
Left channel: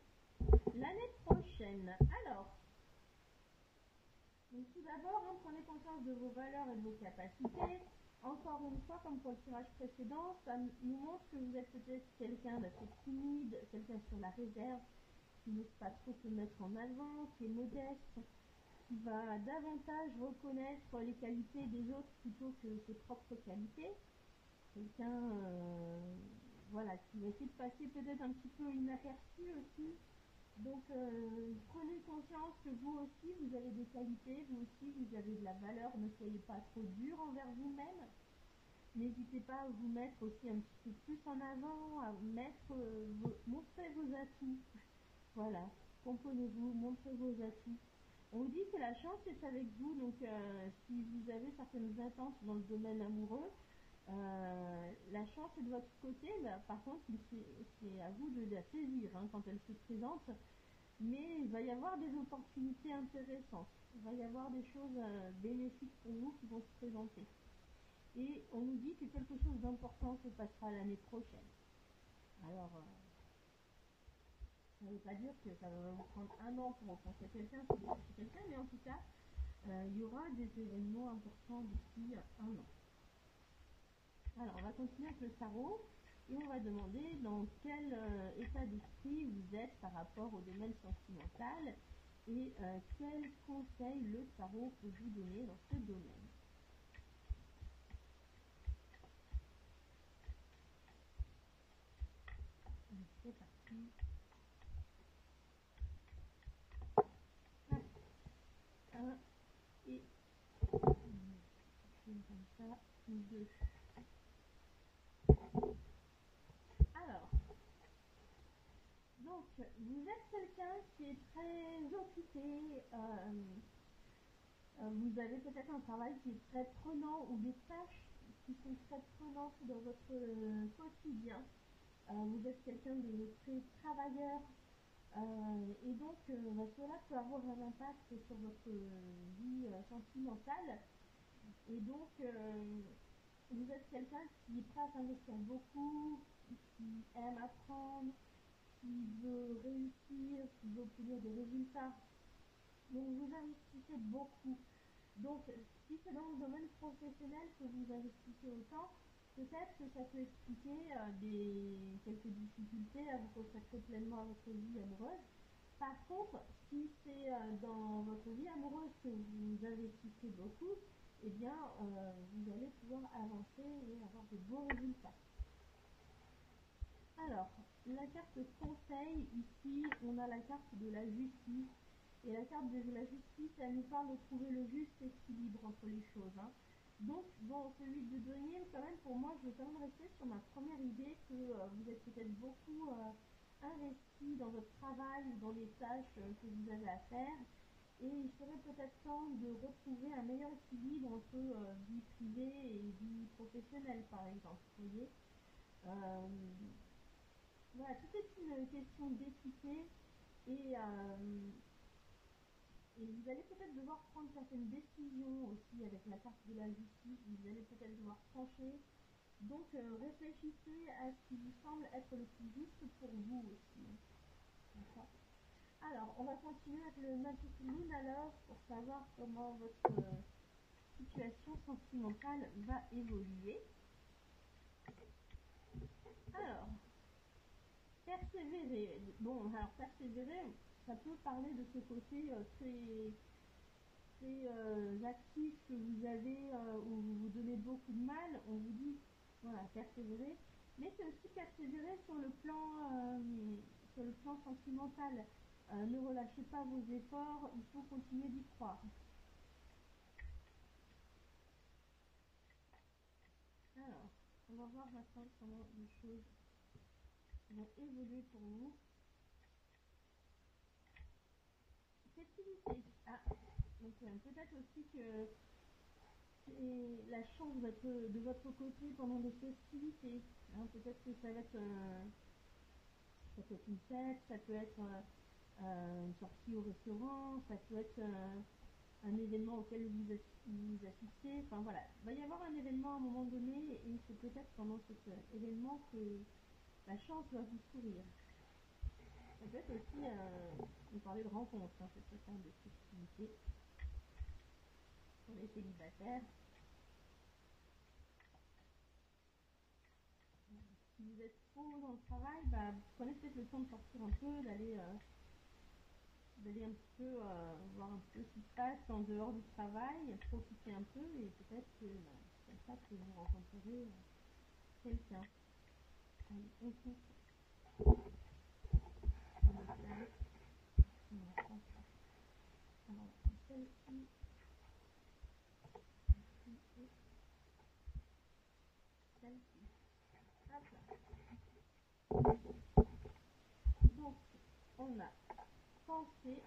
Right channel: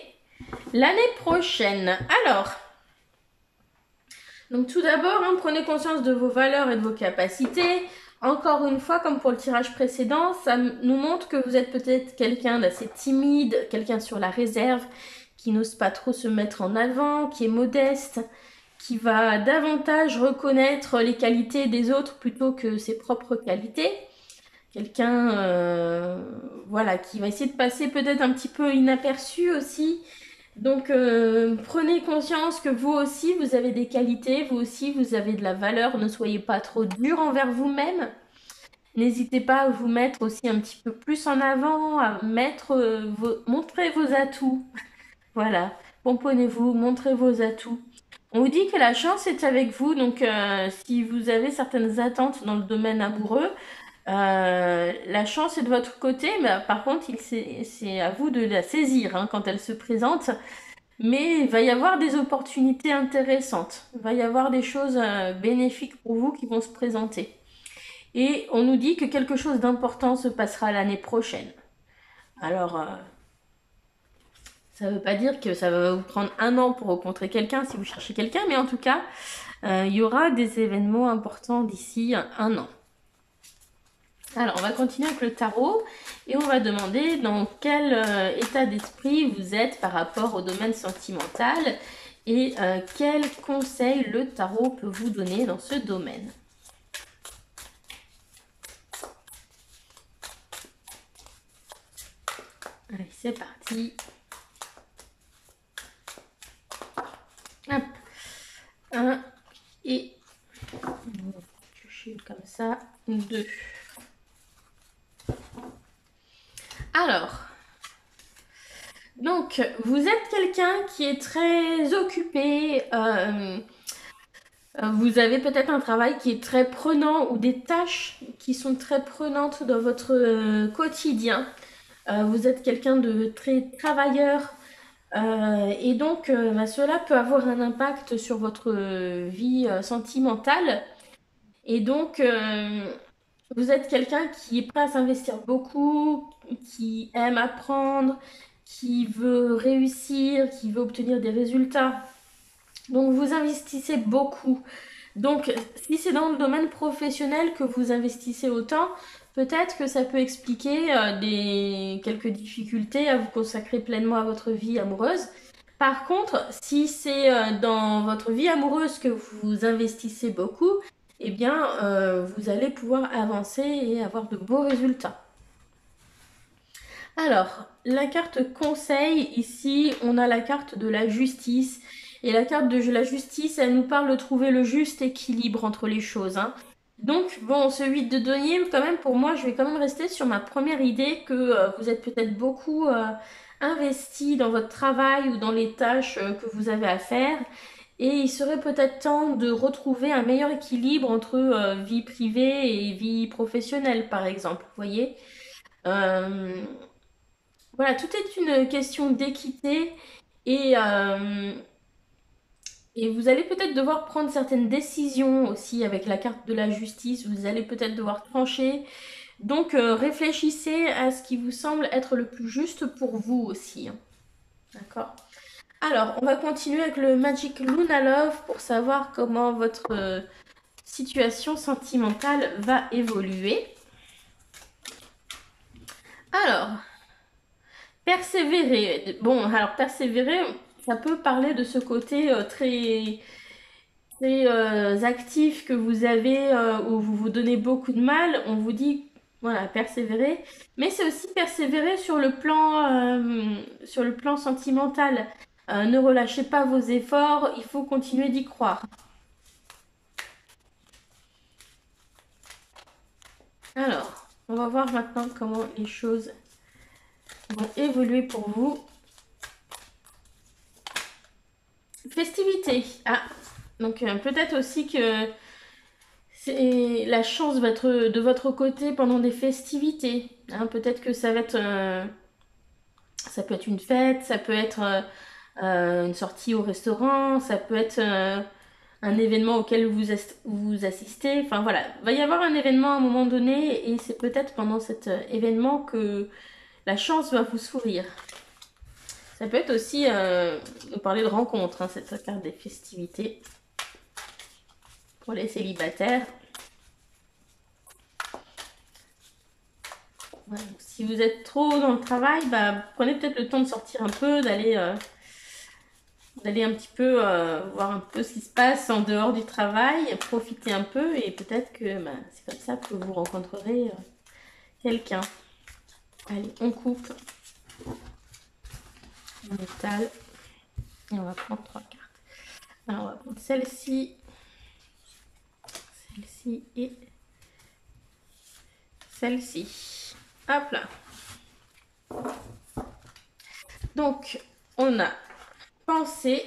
l'année prochaine. Alors, donc tout d'abord, hein, prenez conscience de vos valeurs et de vos capacités. Encore une fois, comme pour le tirage précédent, ça nous montre que vous êtes peut-être quelqu'un d'assez timide, quelqu'un sur la réserve, qui n'ose pas trop se mettre en avant, qui est modeste, qui va davantage reconnaître les qualités des autres plutôt que ses propres qualités. Quelqu'un voilà, qui va essayer de passer peut-être un petit peu inaperçu aussi. Donc prenez conscience que vous aussi, vous avez des qualités, vous aussi, vous avez de la valeur. Ne soyez pas trop dur envers vous-même. N'hésitez pas à vous mettre aussi un petit peu plus en avant, à montrer vos atouts. Voilà, pomponnez-vous, montrez vos atouts. On vous dit que la chance est avec vous, donc si vous avez certaines attentes dans le domaine amoureux, la chance est de votre côté, mais par contre, c'est à vous de la saisir hein, quand elle se présente. Mais il va y avoir des opportunités intéressantes. Il va y avoir des choses bénéfiques pour vous qui vont se présenter. Et on nous dit que quelque chose d'important se passera l'année prochaine. Alors, ça ne veut pas dire que ça va vous prendre un an pour rencontrer quelqu'un si vous cherchez quelqu'un, mais en tout cas, il y aura des événements importants d'ici un an. Alors, on va continuer avec le tarot et on va demander dans quel état d'esprit vous êtes par rapport au domaine sentimental et quels conseils le tarot peut vous donner dans ce domaine. Allez, c'est parti. Hop. 1 et comme ça, 2. Alors, donc, vous êtes quelqu'un qui est très occupé, vous avez peut-être un travail qui est très prenant ou des tâches qui sont très prenantes dans votre quotidien. Vous êtes quelqu'un de très travailleur et donc cela peut avoir un impact sur votre vie sentimentale. Et donc, vous êtes quelqu'un qui est prêt à s'investir beaucoup, qui aime apprendre, qui veut réussir, qui veut obtenir des résultats. Donc, vous investissez beaucoup. Donc, si c'est dans le domaine professionnel que vous investissez autant, peut-être que ça peut expliquer quelques difficultés à vous consacrer pleinement à votre vie amoureuse. Par contre, si c'est dans votre vie amoureuse que vous investissez beaucoup, eh bien, vous allez pouvoir avancer et avoir de beaux résultats. Alors, la carte conseil, ici, on a la carte de la justice. Et la carte de la justice, elle nous parle de trouver le juste équilibre entre les choses. Hein. Donc, bon, ce 8 de denier, quand même, pour moi, je vais quand même rester sur ma première idée que vous êtes peut-être beaucoup investi dans votre travail ou dans les tâches que vous avez à faire. Et il serait peut-être temps de retrouver un meilleur équilibre entre vie privée et vie professionnelle, par exemple. Vous voyez? Euh, voilà, tout est une question d'équité et, euh, et vous allez peut-être devoir prendre certaines décisions aussi avec la carte de la justice. Vous allez peut-être devoir trancher. Donc, réfléchissez à ce qui vous semble être le plus juste pour vous aussi, hein. D'accord? Alors, on va continuer avec le Magic Luna Love pour savoir comment votre situation sentimentale va évoluer. Alors, persévérer. Bon, alors persévérer, ça peut parler de ce côté très actif que vous avez, où vous vous donnez beaucoup de mal. On vous dit, voilà, persévérer. Mais c'est aussi persévérer sur le plan sentimental. Ne relâchez pas vos efforts, il faut continuer d'y croire. Alors, on va voir maintenant comment les choses vont évoluer pour vous. Festivités. Ah, donc peut-être aussi que la chance va être de votre côté pendant des festivités, hein. Peut-être que ça peut être une fête, ça peut être une sortie au restaurant, ça peut être un événement auquel vous assistez. Enfin voilà, il va y avoir un événement à un moment donné et c'est peut-être pendant cet événement que la chance va vous sourire. Ça peut être aussi nous parler de rencontres, hein, cette carte des festivités pour les célibataires. Ouais, si vous êtes trop dans le travail, bah, prenez peut-être le temps de sortir un peu, d'aller un petit peu voir un peu ce qui se passe en dehors du travail, profiter un peu et peut-être que bah, c'est comme ça que vous rencontrerez quelqu'un. Allez, on coupe, on étale et on va prendre 3 cartes. Alors on va prendre celle-ci et celle-ci. Hop là. Donc on a pensé,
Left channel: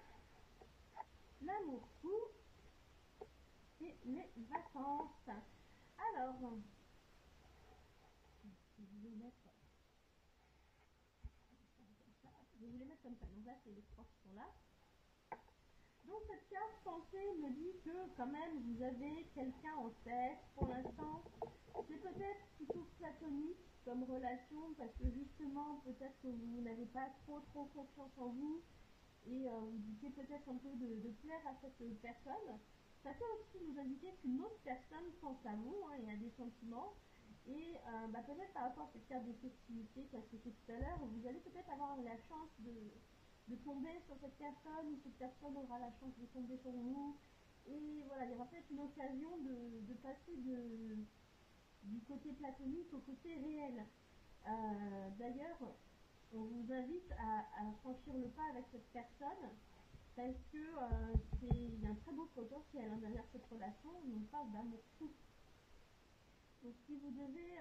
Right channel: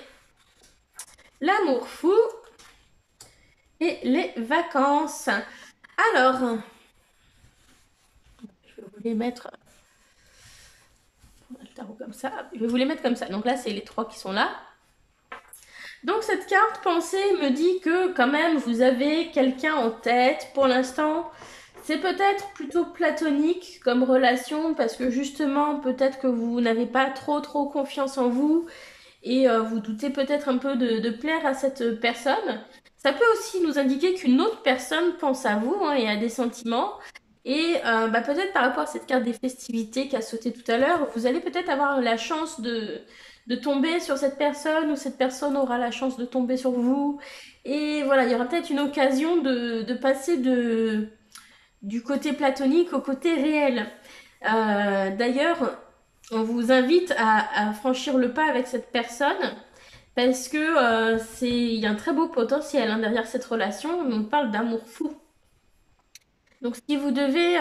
l'amour fou et les vacances. Alors, je vais vous les mettre le tarot comme ça. Je vais vous les mettre comme ça. Donc là, c'est les 3 qui sont là. Donc cette carte pensée me dit que quand même vous avez quelqu'un en tête. Pour l'instant, c'est peut-être plutôt platonique comme relation parce que justement peut-être que vous n'avez pas trop confiance en vous et vous doutez peut-être un peu de plaire à cette personne. Ça peut aussi nous indiquer qu'une autre personne pense à vous, hein, et a des sentiments. Et bah, peut-être par rapport à cette carte des festivités qui a sauté tout à l'heure, vous allez peut-être avoir la chance de tomber sur cette personne ou cette personne aura la chance de tomber sur vous. Et voilà, il y aura peut-être une occasion de passer du côté platonique au côté réel. D'ailleurs, on vous invite à franchir le pas avec cette personne parce que il y a un très beau potentiel, hein, derrière cette relation. On parle d'amour fou. Donc si vous devez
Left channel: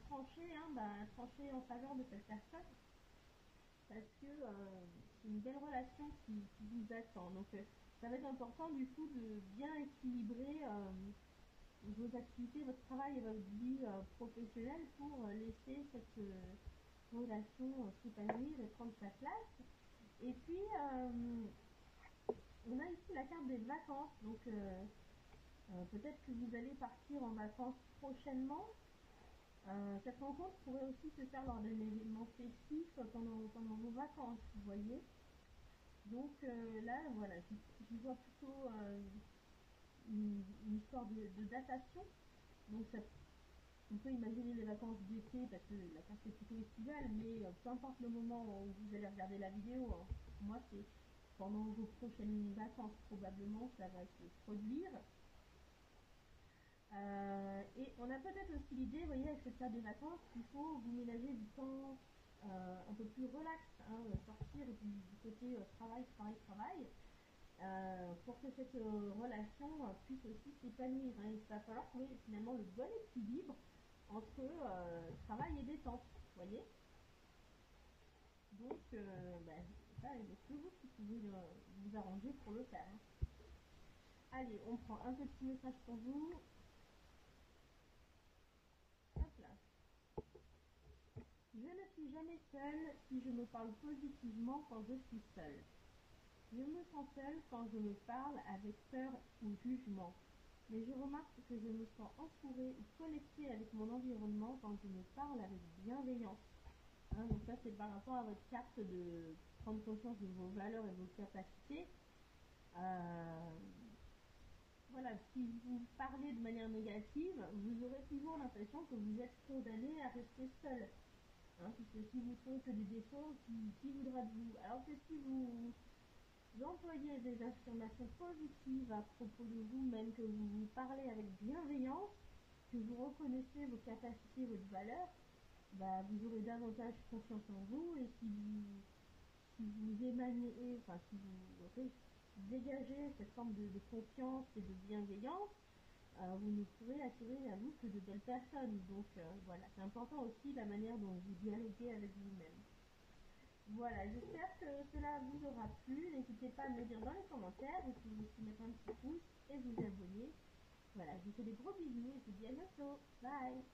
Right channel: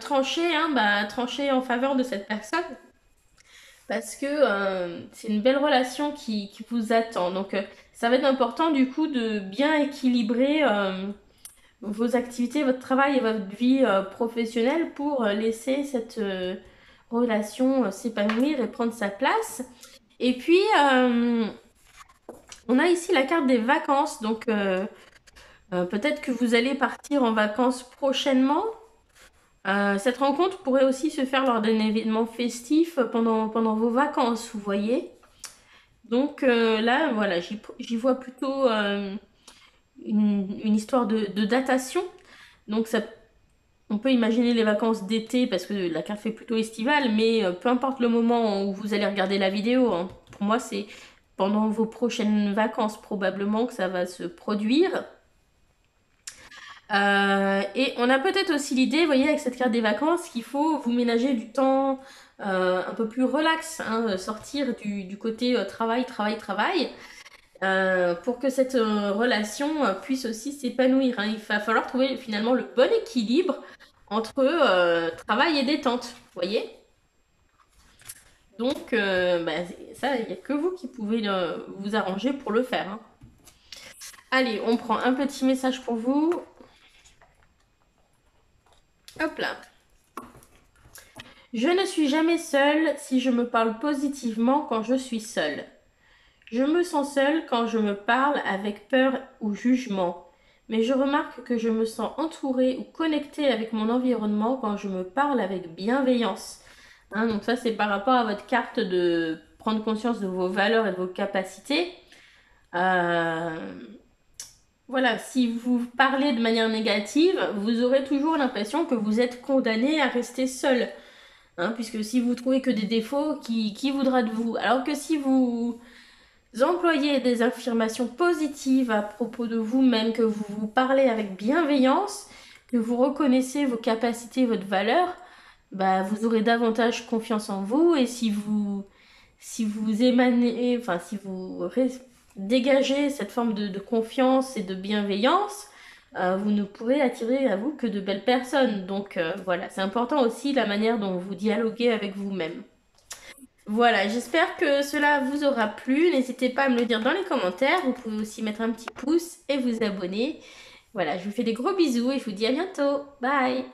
trancher, hein, bah, tranchez en faveur de cette personne parce que c'est une belle relation qui vous attend. Donc ça va être important du coup de bien équilibrer vos activités, votre travail et votre vie professionnelle pour laisser cette relation s'épanouir et prendre sa place. Et puis, on a ici la carte des vacances. Donc, peut-être que vous allez partir en vacances prochainement. Cette rencontre pourrait aussi se faire lors d'un événement festif pendant vos vacances, vous voyez. Donc là, voilà, j'y vois plutôt une histoire de datation. Donc ça, on peut imaginer les vacances d'été parce que la carte fait plutôt estivale, mais peu importe le moment où vous allez regarder la vidéo, hein, pour moi c'est pendant vos prochaines vacances probablement que ça va se produire. Et on a peut-être aussi l'idée, vous voyez, avec cette carte des vacances, qu'il faut vous ménager du temps un peu plus relax, hein, sortir du côté travail. pour que cette relation puisse aussi s'épanouir, hein. Il va falloir trouver finalement le bon équilibre entre travail et détente, vous voyez? Donc, bah, ça, il n'y a que vous qui pouvez vous arranger pour le faire, hein. Allez, on prend un petit message pour vous. Hop là. Je ne suis jamais seule si je me parle positivement quand je suis seule. Je me sens seule quand je me parle avec peur ou jugement. Mais je remarque que je me sens entourée ou connectée avec mon environnement quand je me parle avec bienveillance. Hein, donc ça, c'est par rapport à votre carte de prendre conscience de vos valeurs et de vos capacités. Euh, voilà, si vous parlez de manière négative, vous aurez toujours l'impression que vous êtes condamné à rester seul. Hein, puisque si vous trouvez que des défauts, qui voudra de vous? Alors que si vous employez des affirmations positives à propos de vous-même, que vous vous parlez avec bienveillance, que vous reconnaissez vos capacités, votre valeur, bah, vous aurez davantage confiance en vous. Et si vous émanez, enfin, si vous dégagez cette forme de confiance et de bienveillance, vous ne pourrez attirer à vous que de belles personnes. Donc voilà, c'est important aussi la manière dont vous dialoguez avec vous-même. Voilà, j'espère que cela vous aura plu. N'hésitez pas à me le dire dans les commentaires. Vous pouvez aussi mettre un petit pouce et vous abonner. Voilà, je vous fais des gros bisous et je vous dis à bientôt. Bye!